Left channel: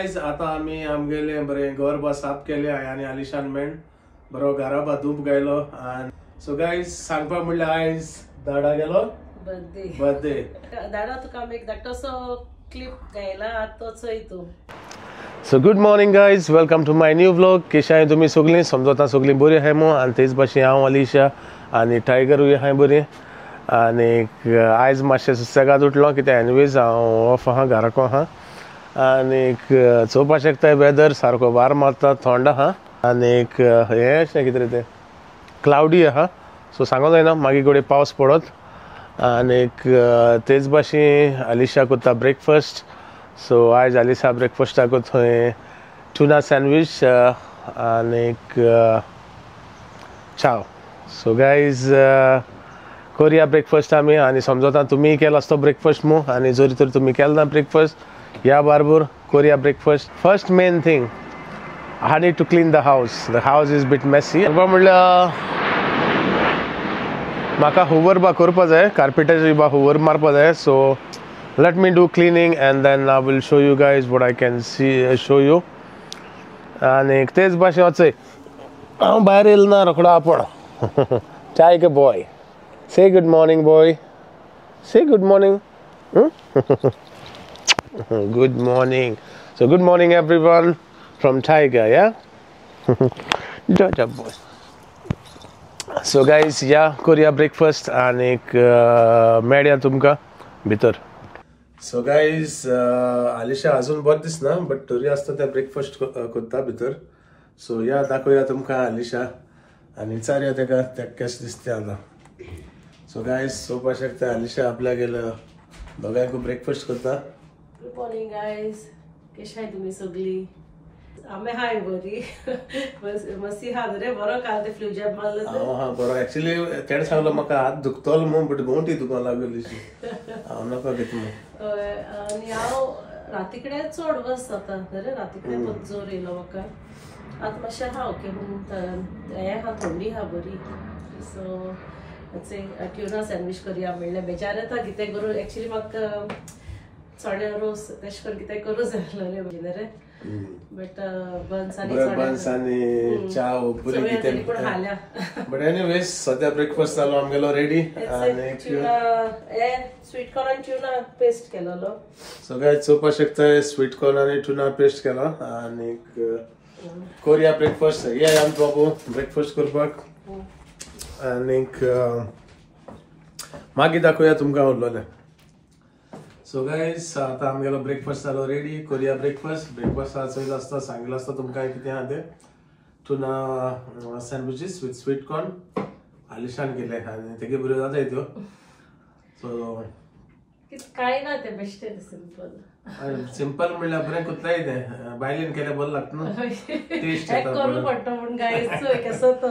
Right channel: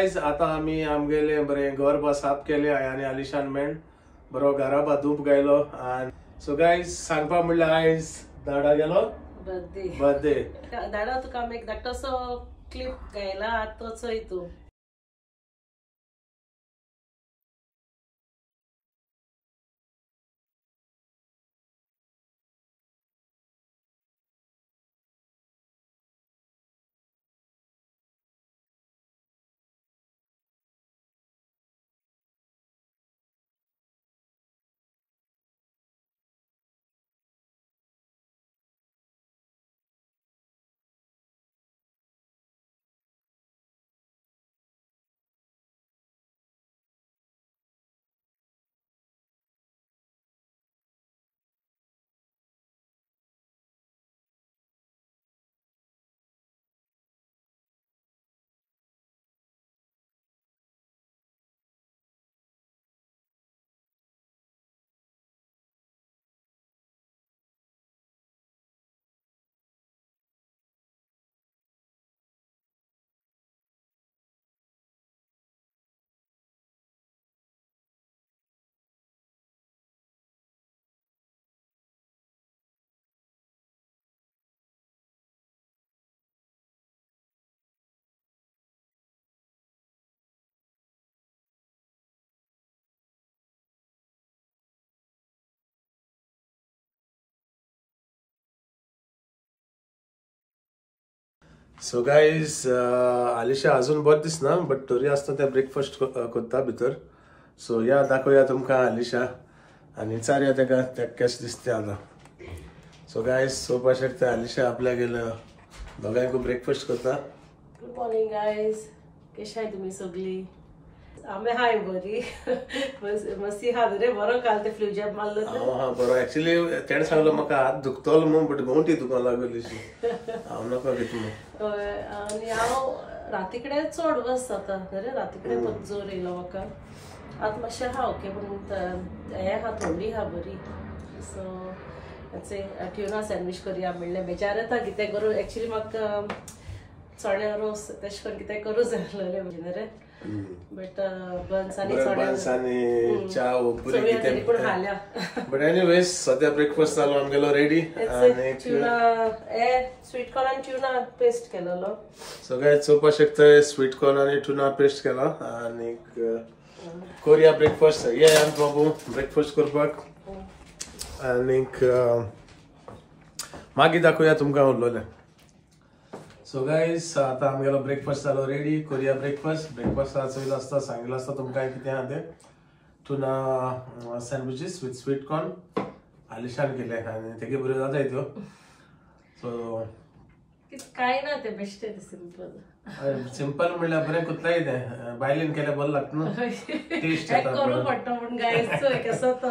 Guys आता आम्ही आमगेले बरे घर बा साफ केले आणि आलिशान मेण बरो घरा बा धूप गायलो. सो गाइस सांगपा म्हणल्यार आयज दाडा गेलो बर्थडे दाडा तुका एक धाकटोसो क्लिप गायला तो चोय तू. So good morning guys, welcome to my new vlog. कशें आहाय तुमी सगळीं? समजता सगळीं बरी आहाय मो. आनी तेच भाशेन हांव अलिशा आनी टायगरूय आहाय बरी. आनी आयज मातशें सुसेगाद उठलो कित्याक एनवेज हांव ऑफ आहा घराको आहा. आनी चोवपा शकता वेदर सारको वार मारता, थंड आहा. आनी हें अशें कितें तें क्लाउडी आहा, सो सांगो जायना मागीर घडये पावस पडत. आनी तेच भाशेन अलिशा कोत्ता ब्रेकफास्ट. सो आयज अलिशा ब्रेकफास्टाक थंय टुना सँडवीच आनी चाव. सो गायज कोरया ब्रेकफास्ट आमी. आनी समजता तुमी केला आसतो ब्रेकफास्ट मू. आनी जरी तर तुमी केलो ना ब्रेकफास्ट या बारबर कोरया breakfast. First main thing I need to clean the house. The house is bit messy. म्हणल्यार म्हाका हुवर बा करपा जाय, कार्पेटाची बा हुवर मारपा जाय. So let me do cleaning and then I will show you guys what I can show you. आनी तेच भाशेन वचय हांव भायर येयलो ना रोखडो आपण. Tiger boy, say good morning boy, say good morning. Good morning. So good morning everyone from Tiger, yeah. Good job boy. So guys, yeah, कोरया breakfast आणि मेळया तुमकां भितर. सो गाइज अलिशा अजून बरें दिसना बट तरी आसता ते ब्रेकफास्ट कोत्ता भितर. सो या दाखोवया तुमकां अलिशा आनी विचारया तेका कशें दिसता आतां. सो गाइज चोवपा शकता अलिशा आपल्या गेलं दोगांयकू ब्रेकफास्ट करता. गुड मॉर्निंग गायज, कशें आहाय तुमी सगळीं? आमी हाय बरी. मस्ती हा रे बरो काल ते फ्लू जॅब मारलो. हा बरो. एक्चुअली तेणें सांगलो म्हाका हात दुखतलो म्हूण बट गोंटी दुखोंक लागलीशी. हांव नाका घेत म्हूण. आनी हांव राती कडेन चड वस जाता रे, राती कडेन खूब जोर येयलो म्हाका. आतां मातशें हा ओके पूण हें हा थंडी हा बरी. सो ट्युना सँडवीच करया म्हणलें. बेजार येता कितें करूं. एक्चुअली म्हाका चण्या रोस तशें करून कितें करूं जाय रे म्हणजे रे. बट बन्स आनी चाव बरी कितें पूण हाल्या. बट एनीवेज सद्या ब्रेकफास्ट जालो आमगेलो रेडी. आनी हे स्वीट कॉर्न आनी ट्युना पेस्ट केलेलो. सो गायज चोवपा शकता स्वीट कॉर्न आनी ट्युना पेस्ट केला. आनी कोरया ब्रेकफास्ट. ये आमचो बाबू ब्रेकफास्ट करपाक. आनी मागीर दाखोवया तुमकां उरलोलें. सो गाइस आता आमगेलो ब्रेकफास्ट जालो रेडी. Korea breakfast. ब्रेकफास्ट चोयलो आसता सांगिल्लो आसता तुमकां कितें आहा तें. टुना सँडविचीस विथ स्वीट कॉर्न आलिशान केले आनी तेगे बऱ्यो जाताय त्यो. सो काय ना ते बेस्ट सिंपल. सिंपल म्हणल्यार बरें कोत्ताय तें. बायलेन केल्यार बरें लागता न्हू, टेस्ट येता करू पडटा पूण गायस चोय कसो तो.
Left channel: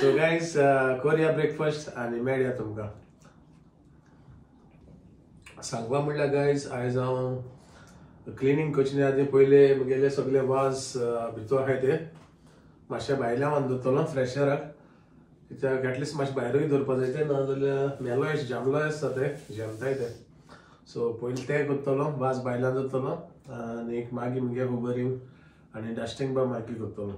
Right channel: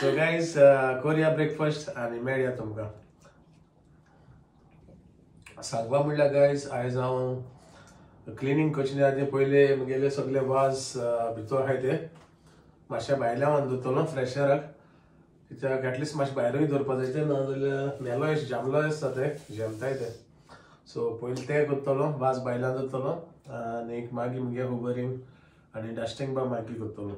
सो गाइस कोरिया ब्रेकफास्ट आनी मेळया तुमकां. सांगपा म्हणल्यार गायज आयज हांव क्लिनींग करचे आदी पयले म्हगेले सगळे वाज भितर आहाय ते मातशे भायल्या व्हरून दवरतलो फ्रेशराक. कित्याक एटलिस्ट मातशें भायरूय दवरपा जाय ते, नाजाल्यार मेलोय जामलोय आसता ते जमताय ते. सो पयलीं ते करतलो, वाज भायल्यान दवरतलो आनी मागीर म्हगे हुबरींग आनी डस्टींग बा मागीर करतलो.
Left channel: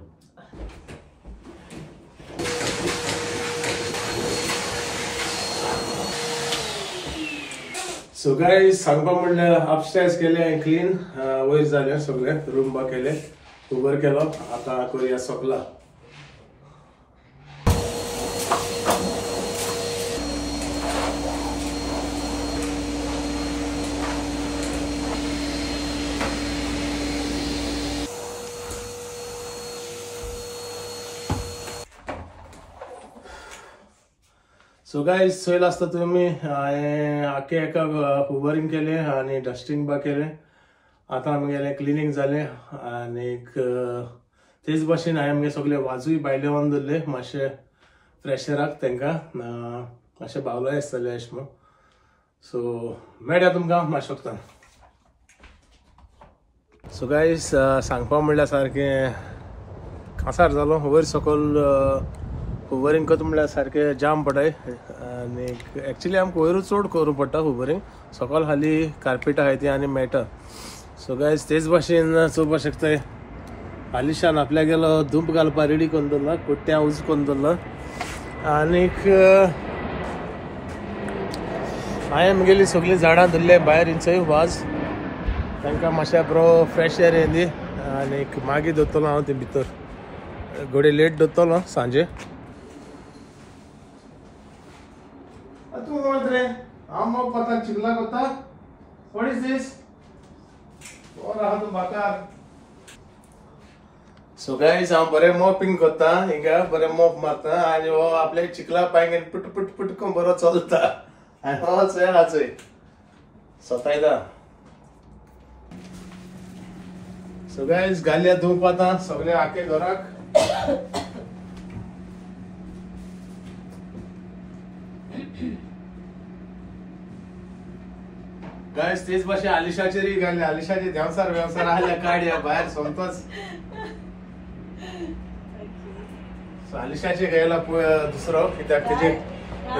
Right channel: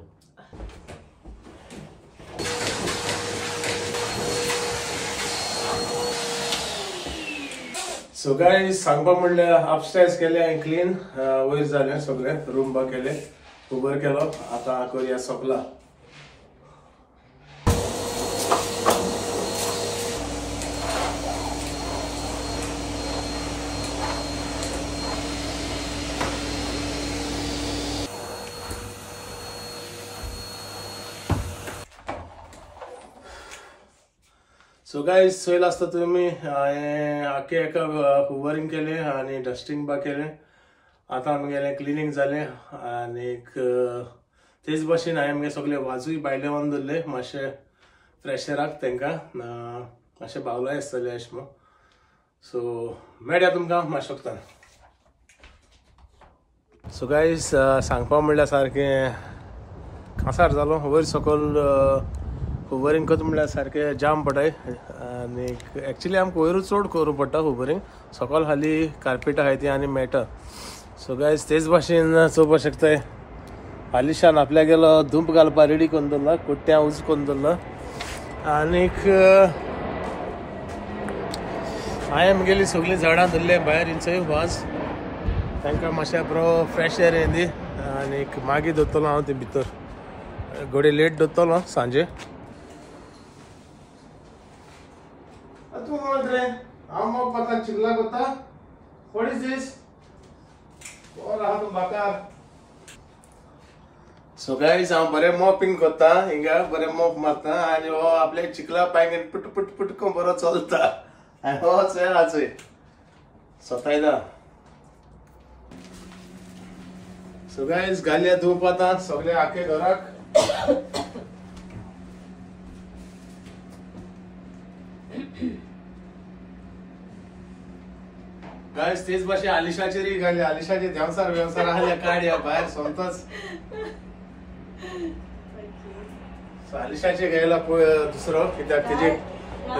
सो गाइस सांगपा म्हणल्यार अपस्टेअर्स केले क्लीन, वयर जाले सगळे रूम बा केले, उबर केलो. आता कोरया सोगला. सो गाइस चोयलो आसता तुमी हांवें आख्खे एका हुबरींग केले आनी डस्टींग बा केले. आतां आमगेलें क्लिनींग जालें. आनी तेच भाशेन हांवें आमगे सगळे वाजूय भायले व्हरून दवरले मातशे फ्रेशराक. तांकां मातशे बावलोय आसतले अशें म्हूण. सो मेळया तुमकां मातशें. सो गाइस सांगपा म्हणल्यार सारकें कांसार जालो. वयर सकयल हुबरींग करता म्हणल्यार सारकें जाम पडाय. आनी एक्चुअली आमकां वयरूच चड करूं पडटा हुबरींग. सकयल हाली कार्पेट आहाय ती आनी मेळटा. सो गायज तेच भाशेन चोवपाक शकताय आलिशान आपल्या गेलो धूप घालपा रेडी करून दवरला कोट्ट्या उज करून दवरला आनीक हांवें म्हगेली सगळीं झाडां धरले भायर इंचय वाज तांकां मातशें बरो फ्रेश एअर येयली आनीक मागीर दोतलो हांव ते भितर घोडे लेट दोतलो सांजे चिकला कोता what is this so guys हांव बरें मॉपिंग करता हिंगा बरें मॉप मारता आनी हो आपल्या चिकला पांय पुट पुट पुट करून बरो चलता आनी हो चेराचोय सतायला सो गाइस घालया धूप आतां सगळे आखे घराक गाइस तेच भाशे आलिशाचेर घालया आलिशाचे देवसार वेवसार आहल्या काडया भायर सोमतोच आलिशाचे घ्यायला दुसरो कित्याक तेजे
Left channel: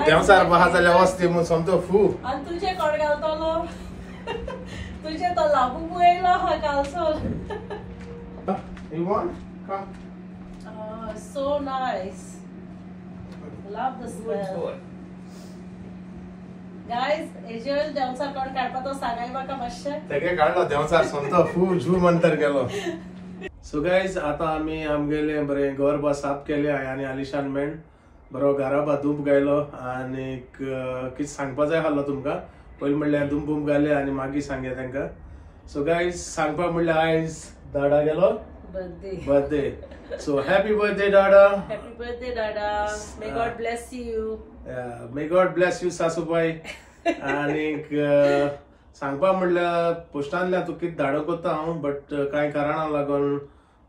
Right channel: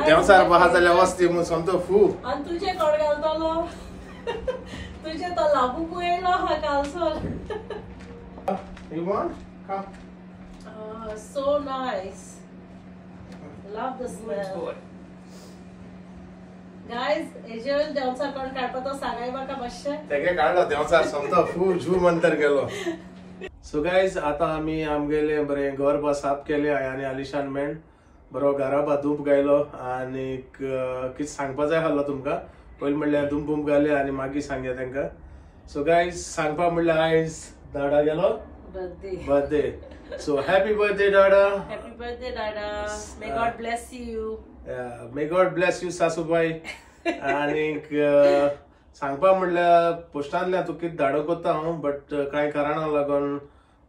देवसार बाहा जाल्यार वस्ती म्हूण सोमतो फू आनी तुजे कोण घालतलो तुजे तो लागू येयलो हा कालसर You want? Come. So nice. Love the smell. Guys, एजल देवसार कोण काडपा तो सांगाय म्हाका मातशें तेगे काडलो देवसार सोमतो फू झू मंतर गेलो सो गाइस आता आमी आमगेले बरें घर बा साफ केले आनी आलिशान मेण बरो घरा बा धूप गायलो आनीक कितें सांगपा जाय आसलो तुमकां पयलीं म्हणल्यार धूप बूप घाले आनी मागीर सांगया तांकां सो गाइस सांगपा म्हणल्यार आयज दाडा गेलो बर्थडे सो हॅपी बर्थडे दाडा Happy birthday, Dada. May God bless you. May God bless you सासूबाई आनीक सांगपा म्हणल्यार पोस्टांतल्यान तूं कितें धाडो कोत्ता हांव बट कांय कारणां लागून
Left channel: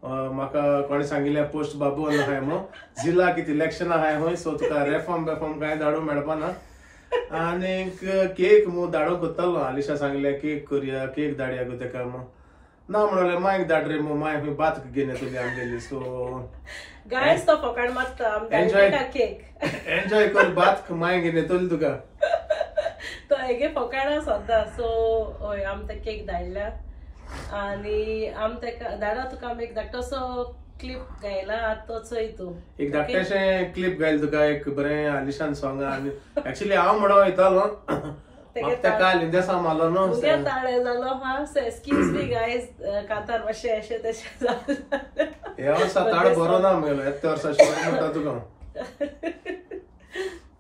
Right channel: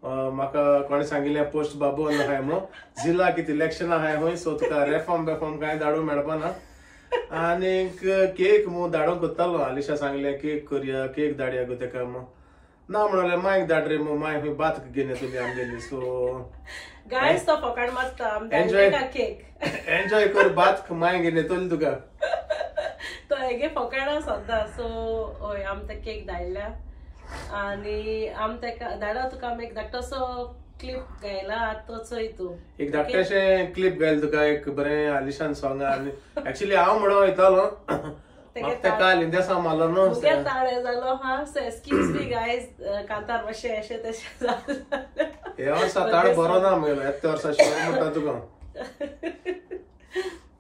म्हाका कोणें सांगिल्लें पोस्ट बाबू आहाय म्हणून जिल्ला कितें इलेक्शन आहाय खंय सो तुका रेफॉर्म कांय धाडूं मेळपाना आनीक केक मू धाडो कोत्तालो आलिशा सांगलें केक करया केक धाडया गो तेका म्हणून ना म्हणलें मायक धाड रे मू माय खंय बात घेवन येतली आमगेली सो Guys, तो फकाण मारता आमच्या केक एन्जॉय कर बात माय घेवन येतली तुका तो हेगे फकाणा सद्दां सो हय आम ते केक धाडल्या आनी आम तेका धाडा तुका आमी एक धाकटोसो क्लिप गायला आतां तो चोय तूं एक धाकटेशें क्लिप गायल तुका एक बरें आलिशान सॉंग आनी एक्चुअली हांव म्हणून वयतालो म्हाका ते काल हिंदेसा मारलो न्हू मुगे ताळे जालो हा सो एक्सक्यूज मी गायज कांतार मातशें अशें तशें जालें हे वर्सा ताळ बरो ना म्हगेलो येत्या वर्सा शिवर म्हणटा तुका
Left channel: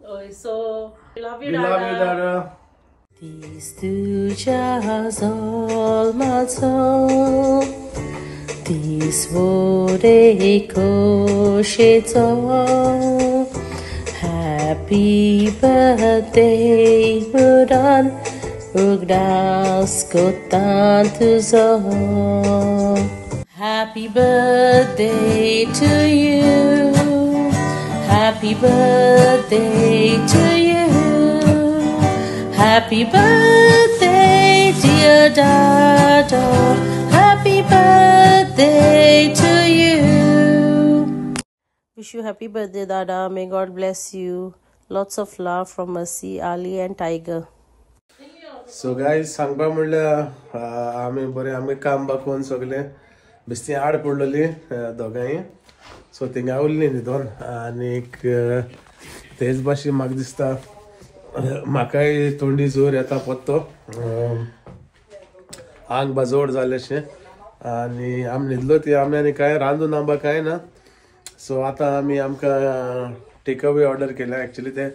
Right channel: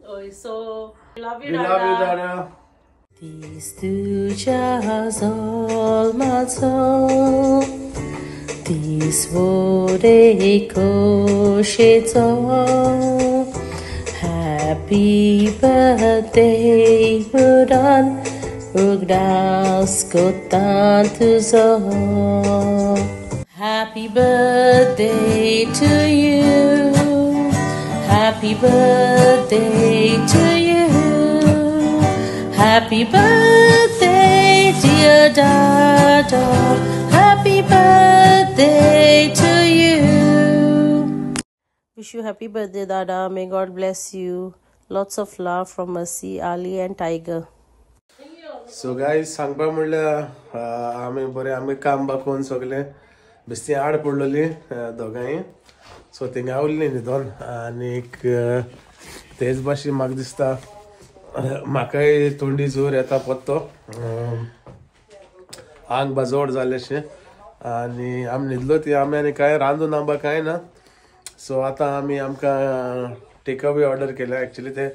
हय so love We you love you, दादा Dada. These tujas all matzah, these vore koshetza. Happy birthday, Muran, ugdas kotan tuzo. Happy birthday to you. Happy birthday to you. Happy birthday, dear Dada. Happy birthday to you. Wish you happy birthday, Dada. May God bless you. Lots of love from Mercy, Ali, and Tiger. So guys सांगपा म्हणल्यार आमी बरें आमी काम बा कोन्न सगलें बेश्टी आड पडलेली दोगांय सो थिंगा उरलीं न्हिदोन आनीक तेच भाशेन म्हाका दिसता म्हाकाय थोडी जोर येता पत्तो आंग बा जोड जालेशें आनी आमी न्हिदलो ती आमी आनी कांय रांदून आंबा कांय ना सो आतां आमी आमकां टेक अवे ऑर्डर केल्या एक्चुली ते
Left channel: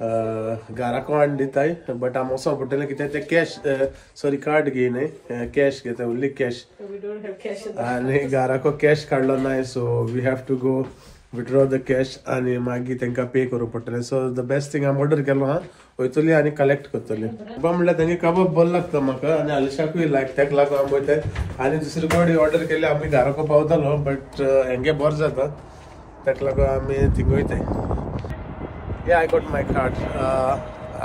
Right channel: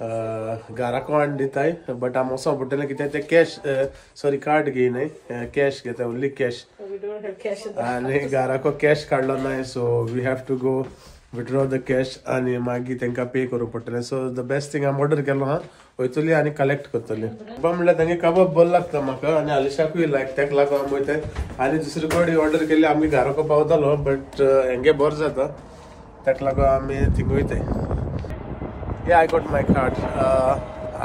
घराको हाडून दिताय बट आमी वचोंक पडटलें कित्याक ते कॅश सॉरी कार्ड घेयनाय कॅश घेता only cash We don't have cash in आनी घराको कॅश काडलो नाय so we have to go withdraw the cash आनी मागीर तांकां पे करूंक पडटलें सो द बेस्ट थिंग हांव ऑर्डर केलो हा वयतली आनी कलेक्ट करतली म्हणल्यार तांगे कबाब बरो लागता म्हाका आनी आलिशाकूय लायक तेका लागून आमी वयताय आनी दुसरी कडेन ऑर्डर केली आमी घराको पावतालो बट हेंगे बरो जाता तेका लागून आमी thing वयताय Yeah, I got my card.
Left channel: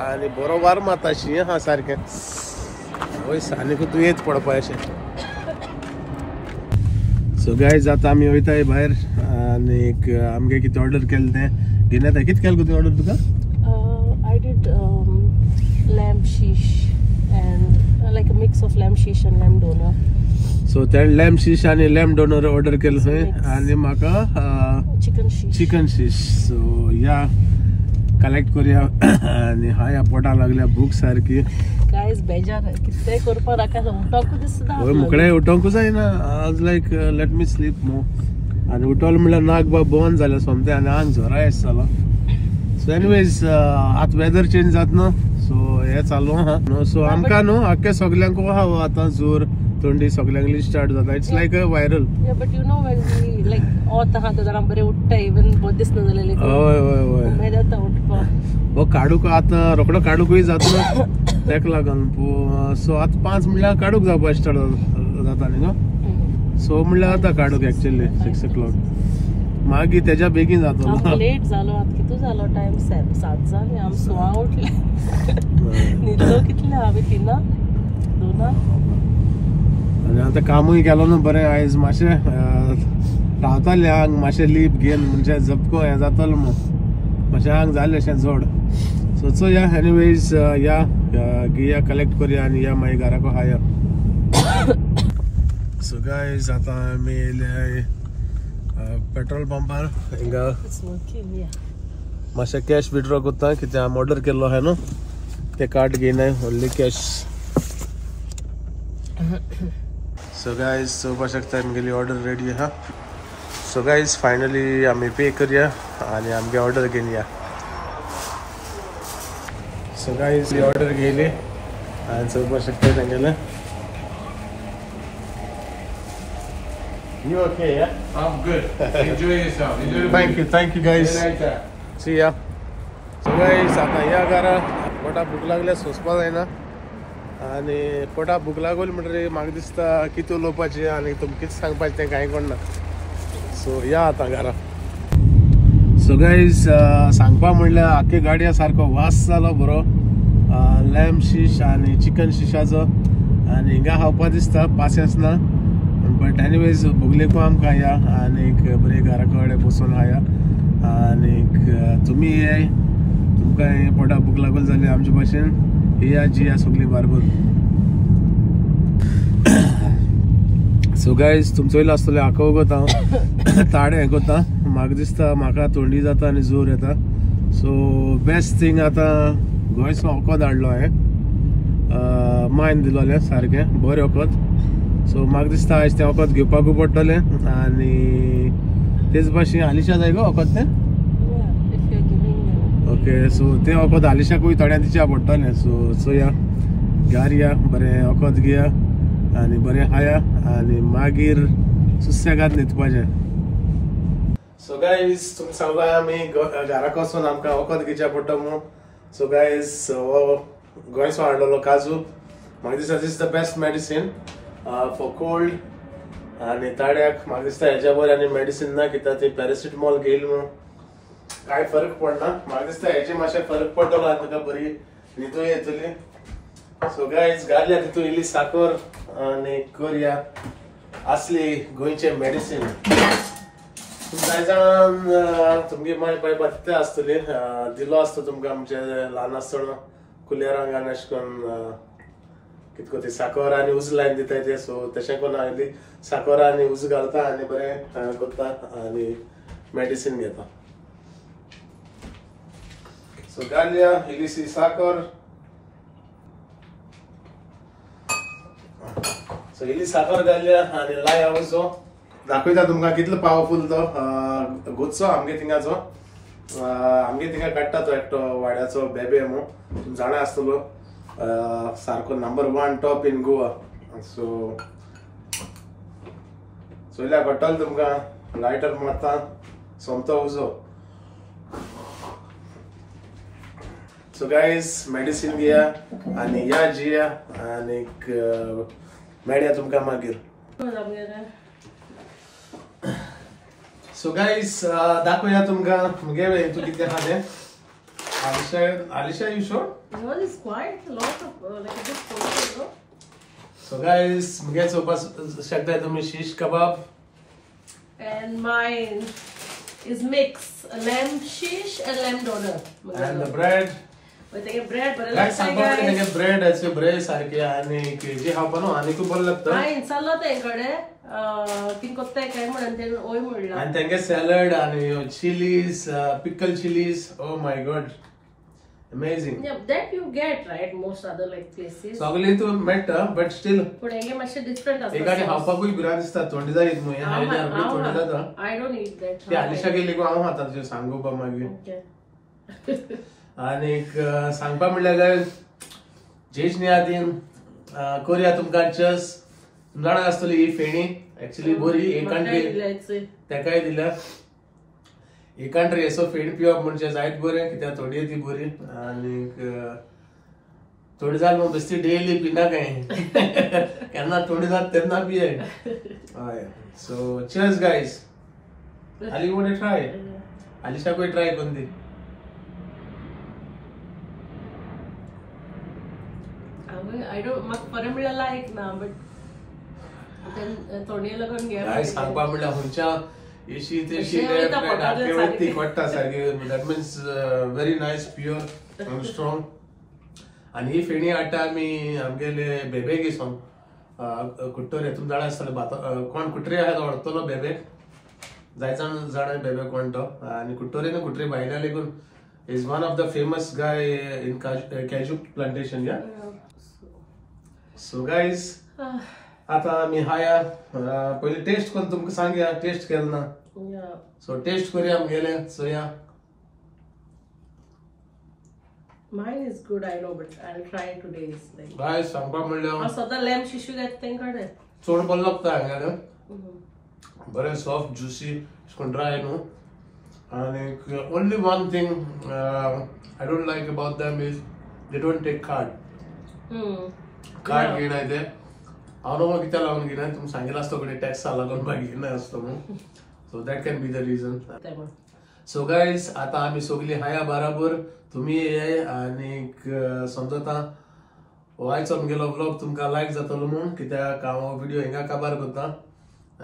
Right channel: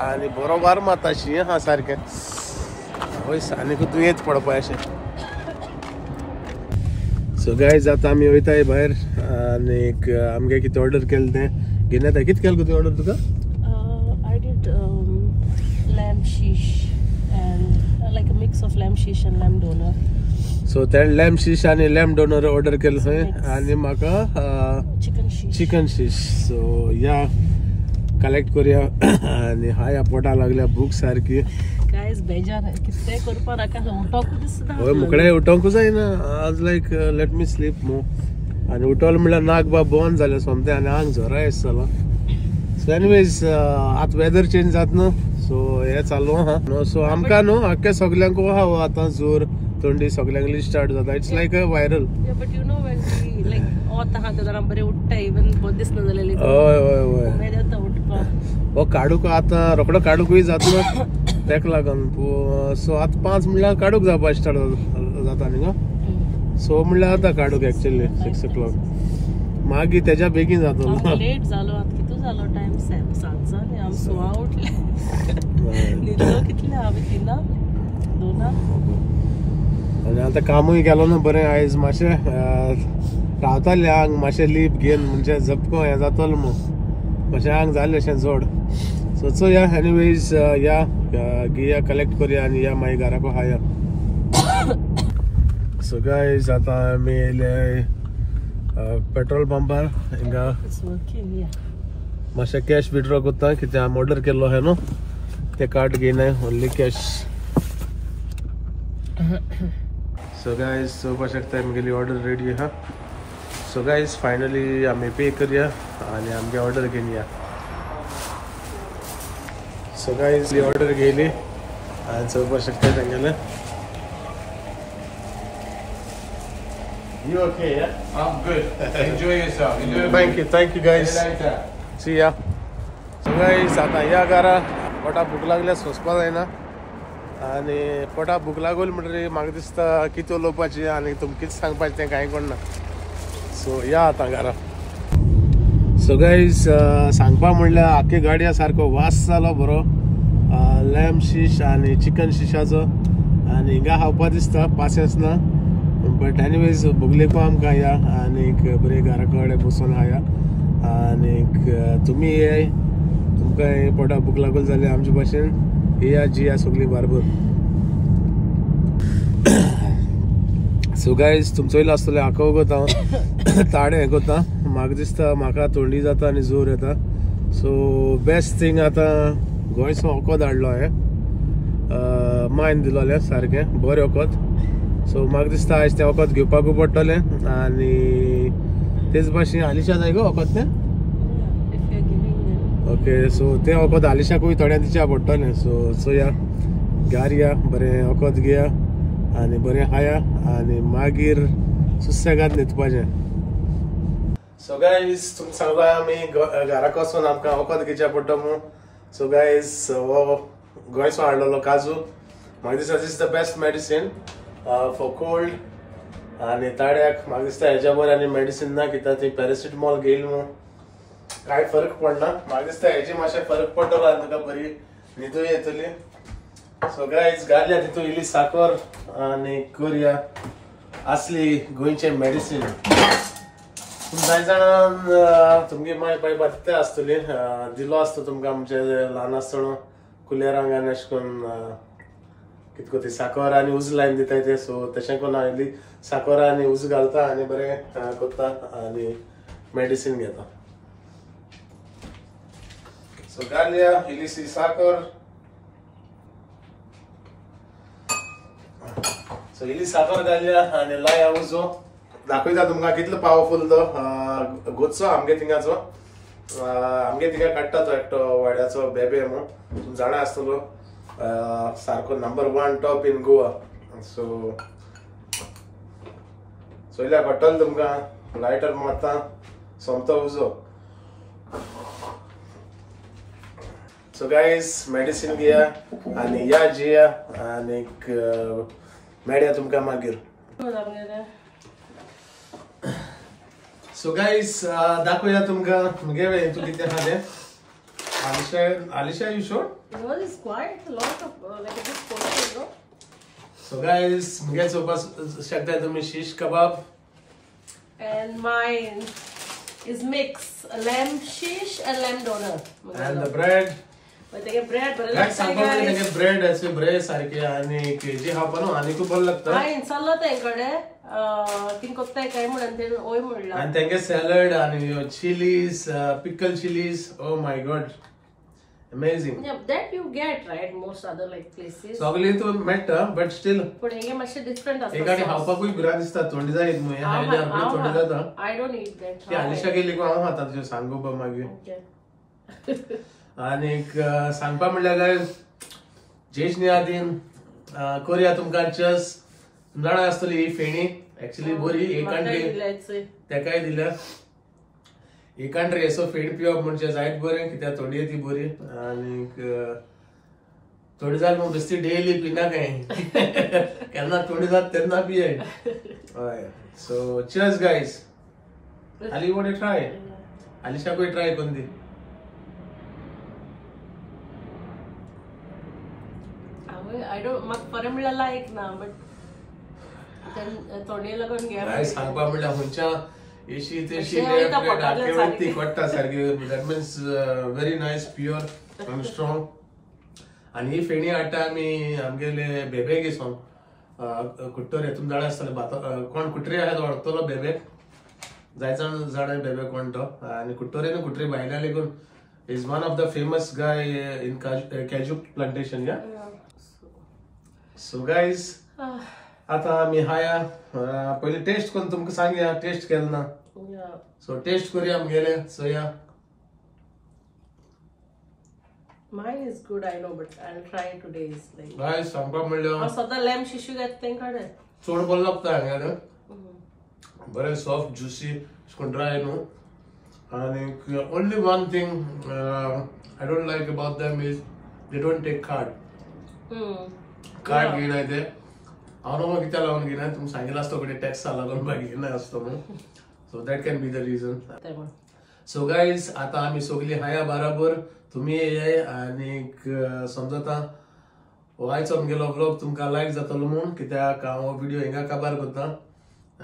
आणि बरो वार माता शी हा सारकें वयस आनीक तूं येत पडपा अशें सो गायज आतां आमी वयताय भायर आनीक आमगे कितें ऑर्डर केलें तें घेवन येताय कितें केलें तुवें order Tuka I did lamb shish and like a mix of lamb शीश आणि लॅम्ब डोनर. सो ते लॅम्ब शीश आणि लॅम्ब डोनर ऑर्डर केलं थंय आणि म्हाका चिकन शीश. सो या कलेक्ट करूया. आणि हा या पोटा लागल्या भूक सारखी. गायज बेजार कितें करपा नाका उठोंकू दिसना. होय मुकडें उठोंकूच जायना. आज लायक लेट मी स्लीप मो. आणि उठोल म्हणल्यार नाक बा बंद जालें सोमतें आनी आंग झोरा येसलो. सो एनीवेज आतां वेदर चेंज जाता न्हू. सो हे चालू आहा. सो आमकां न्हू आख्या सगल्यांक आहा आतां जोर थंडी सगल्यांक लिस्ट स्टार्ट जाता. It's like a viral. But you know when we like ऑत आहा ते जरा बरें उठता इवन बहुत दिसना जालें. होय होय होय. उमेद येता उठपाक. हो काडूक आतां रोकडो काडूकूय जातलो तेका लागून. सो आतां 5 म्हणल्यार काडूक जावपा स्टार्ट जाता न्ही गो. सो म्हणल्यार आतां काडूक एक्चुअली 6 o'clock. मागीर तेज्या बेगीन जातलो. लेट जालो आतां कितू जालो टायम 7 जाले. आम 6 उठले. न्हिदलो कितले हांवें 3 आनी आतां कामूय केलो न्हू बरें. आयज मातशें रावतालें आंग मातशें लीप घेवन म्हणजे झपको हें जातलो मो. मातशें आंग जालें अशें जड. सो चोया एनीवेज या घेया कलेक्ट करूया आनी या मागीर घराको हाया. सो गायज आतां आमी येयले पेट्रोल पंपार. हिंगा मातशें कॅश विड्रॉ कोत्ता कित्याक आमी ऑर्डर केल्लो आहा न्हू. ते कार्ड घेयनाय ओन्ली कॅश. सो गायज चोवपा शकता आमगेली ऑर्डर रेडी आहा. सो गायज फायनली आमी पे करूया आनी आमगे ऑर्डर घेवन या. सो गायज ऑर्डर घेयली आनी चोवपा शकता तेंगेलें. You okay, yeah? I'm good. Enjoy yourself. Thank you guys. See ya. So guys, आता या घरा पोटा भूक लागल्या सोंसपा जायना. आनी पोटा भूक लागली म्हणटरी म्हाका दिसता कितें उलोवपाचें आनी तुमकां कितें सांगपाचें तें कांय कळना. सो या आतां घरा. सो गायज सांगपा म्हणल्यार आख्खी गाडया सारको वास जालो बरो लॅम्ब शीश आनी चिकन शिशाचो. आनी हिंगा खावपा दिसता पासियन्स ना. बट एनीवेज भुगलेको आमकां या आनीक बरें घरा कडेन बसून हाया. आनीक तुमी ये तुमकां पोटा भूक लागली जाल्यार आमचे भाशेन येया जिया सगळीं बारबर. सो गायज तुमचो येयलो आसतलें हाका वगत हांव ताडे हें कोत्ता. म्हाका दिसता म्हाका थंडी जाता आनी जोर येता. सो बेस्ट थिंग आतां गोंयचो वखद हाडलो हांवें. मायन दिलोलें सारकें बरें वखद. सो म्हाका दिसता आयज तें वखद घेवपाकूय पडटलें. आनी तेच भाशेन आलिशा जाय गो वखद तें. ओके सो तें वखद आलिशाकूय थोड्यां दिवच्या पडटलें. सो चोया घार या बरें वखद घेया आनी बरें खाया आनी मागीर सुसेगाद न्हिदपाचें. सो गायज तुमकां सांगलो आमी घराक वचून आमकां वखद घेवचें पडटा म्हणून. सो गायज हो गोंयचो हाडलेलो काजू. म्हाका दिसता this the best medicine for cold. आनी ताड्याक म्हाका दिसता हेज्या बरें आनी मेडिसीन ना कित्याक ती पॅरासिटामॉल घेयली म्हणून कांय फरक पडना. म्हाका दिसता हेजी मातशें फरक पडटलो आनी तुका बरी न्हिदूय येतली. सो गायज घालया तितून इल्ली साकर आनी करुया असली गोंयचें मेडिसीन. कांय जाणां तुमगे माय बाय बरें आसतली दिलो आसता तुमकां आमचे ल्हान आसतना कुलेरांक आनी अशें करून कितको ती साकर आनी उज लायन दिताय ते. सो तशें करून हांव इल्ली साकर आनी उज घालता आनी बरें करता आनी मेडिसीन घेता. सो घालया इल्लीशी साकर. सो इल्ली साकर घालया आनी लाया उजो. दाखयता तुमकां कितलो पावरफुल तो गोचो आमगे थिंगाचो. आमगे थिंगा काडटा तो एकटो वाड्याचो बेबे म्हणून तुमी जाणा आसतलो. सारको number 1 top in Goa. So चोयल्या पडटलो तुमकां लायटर मारता सोमतो उजो. सो गायज मेडिसीन घेया आनी या जिया आनीक मेळया तुमकां मागीर. सो गायज दाखोवया तुमकां मुगे तूं कितें आहा तें. Alisha, you sure? No, it's quite a lot of like a big portion, no? So guys, मुगे चोवपा शकता तुमी shish kebab. And mine is mix a lamb shish and lamb doner. And the bread. तेगे bread बरें काय सांगपा म्हणजे bread असे ब्रेड सारखे आणि जे खावपा न्हू आनी खूब बरें लागता हांवें चल्लो तेंकडे ती कोत्ताय काय म्हणून ते ओय म्हणला आणि तेंगे सॅलड आणि chillies pickle chillies oh my God amazing that you get right most other like places सगळी तू मेळटा बट स्टील पण हेगे मातशे डिफरंट आसता एकाडी खावपाकूय भिरांत दिसता तोंडी जायत न्हू हायल्यार तोंडी जाता I don't eat that ती आलिशा गेली गो हांव खाता तुजें सांगोपा मागीर okay आणि सांगपा म्हणल्यार काय जेशनी आदीन कोरिया तुमकां चस जाणा आसतली ही फेणी एक्चुअली बरी एक कंट्री तेकाय दिल्या एक कंट्री असो फेणी पिवप म्हणजे जायत बरें कित्याक थोडी ती बरी आणि थोडी जाल मग बेश्टी डेली पिना काय केन्ना थोडी जात तेन्ना पिये हय सो चीयर्स गायज आली वोट ट्राय आलिशाकूय ट्राय करून दी I don't म्हाका बरें म्हणल्यार लायक ना बट थोडी लागून घे काय सांगपा म्हणल्यार खंयच्या एशी तेशी पडटा सारकी that means very nice pure आनी स्ट्रॉंग आणि ही फेणी हाडटा आमी आमगेले बेबेक घेवन कुट्टोर हेतून जाणा आसतले कोण कुट्रे आहा तो व्हरतलो बेबेक जायजाण जाणा बेबेक कोण तो आनी कुट्टोरेन कुट्रे भायल्या लेगून is one of the famous guy in कॅजू प्लांटेशन या सो गायज आता आमी हाया पयली टेस्ट करून तुमकां सांगया टेस्ट केला ना सो टेस्ट करूया आमगेले सो या Mine is good, I know, but I'll try today's. Like, गाय सांगपा म्हणल्यार सदां लॅम्प शिशू घेता तेंकडे चड बरें लागता हांगा बरें सॉफ्ट ज्युसी अशें ड्राय न्हू आनी only one thing I don't like about them is they don't take card घेनाय ते हांव न्हू कित्याक लागून घेनाय तुमकां सांगिल्लो आसता कडेन टॅक्सा लागून म्हाका घेनाय आसता म्हणून so that can be the region so guys आता आमी सगळीं हाया बराबर तुम्ही येयाय आणि समजता आयचो आमगेलो व्लॉग तुमकां लायक जातलो म्हूण कित्याक हांव व्हिडिओ हिंगा काबार करता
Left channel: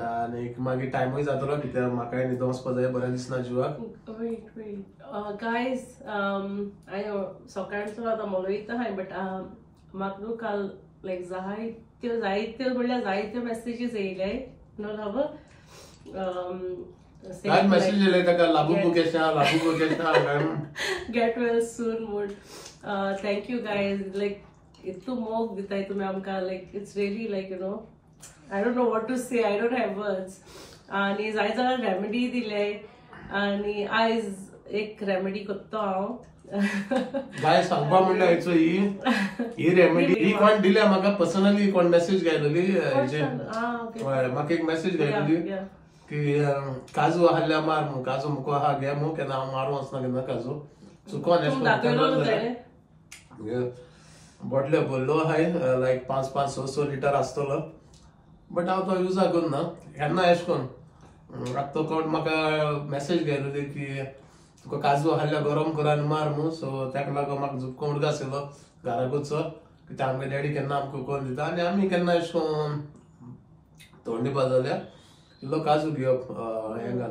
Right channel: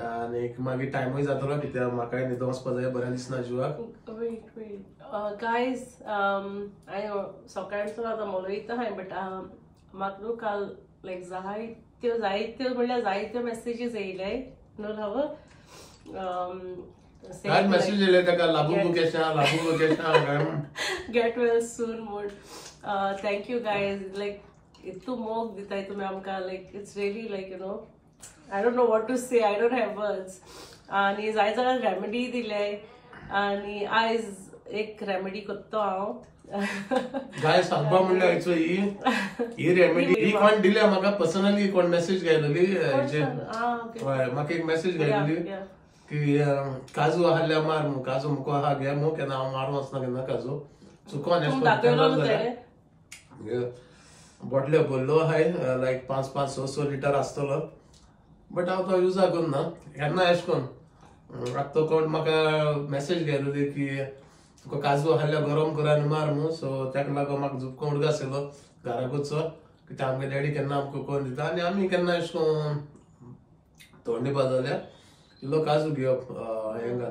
आणि मागीर टायमूय जातलो कित्याक म्हाकाय न्हिदो वचपा जाय बरें दिसना जिवाक गायज हांवें सकाळचो आतां मोलयता हांवें बट म्हाका न्हू काल लायक जायत्यो म्हणल्यार जायत्यो मेसेजीस येयल्याय न्हू हांव आज मेसेज येयले ताका लागू केशा गेट वेल सून म्हूण थँक्यू गायज लायक इतू मोग दिताय तुमी आमकां like it's really like you know I don't know what to say I don't have words आनी जाय जाल्यार रेमेडी दिले आनी आयज एक रेमेडी करता हांव गाय सांगपा म्हणल्यार हेचो ही रेमेडी ही कोण दिल्या म्हाका पर्सनली कोण मेसेज घायलोली म्हाका एक मेसेज घायलोली की काजू आहल्या मार मु काजू मुको आहा घे मु केन्ना हांव मारूं वचना केन्ना काजू सो कोण बॉटल्यो भरल्यो आहाय लायक 5-6 लिटर आसतलो बट हांव तो युजा करना केन्ना एश कोन्न आतां तो कोण म्हाका मेसेज घायलोली की तुका काजू आहल्या गरम कर आनी मार मु सो ताका लागून म्हाका झुपको उडको आसलो घराकूचो कित्याक आमगे डॅडी केन्ना आमकां कोण दिता आनी आमी केन्ना एश कोन्न थोंडी बाजल्या इल्लो काजू घेवप हेंगा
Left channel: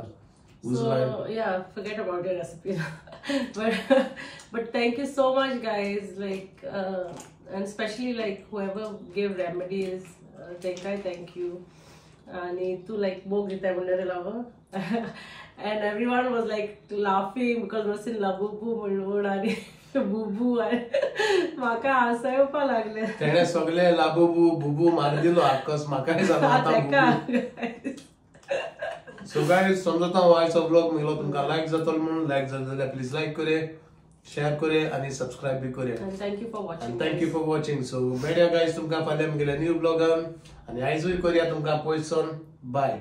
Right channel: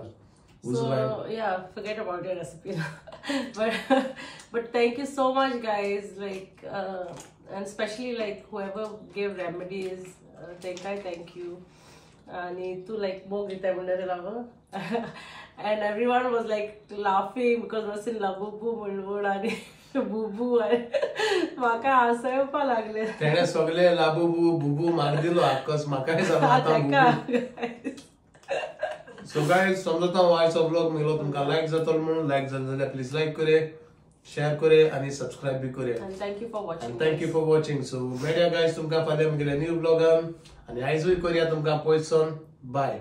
So yeah, forget about your recipe. but thank you so much, guys. Like and especially like whoever gave remedies, thank you. And to like bog it and everyone was like laughing because was in labubu and बुबू म्हाका हसायपा लागले तेणे सगळे लाबुबू बुबू मार दिलो आकस म्हाकाय जाता so guys समजता आयचो ब्लॉग मिलो तुमकां लायक जातलो म्हणून लायक जाले जाल्यार प्लीज लायक करे शेअर करे आणि सबस्क्राइब बी करे and thank you for watching so मेळया गाइस तुमकां फाल्यां म्हगेल्या न्यू ब्लॉगान आणि आयजूय करया तुमकां पयसून बाय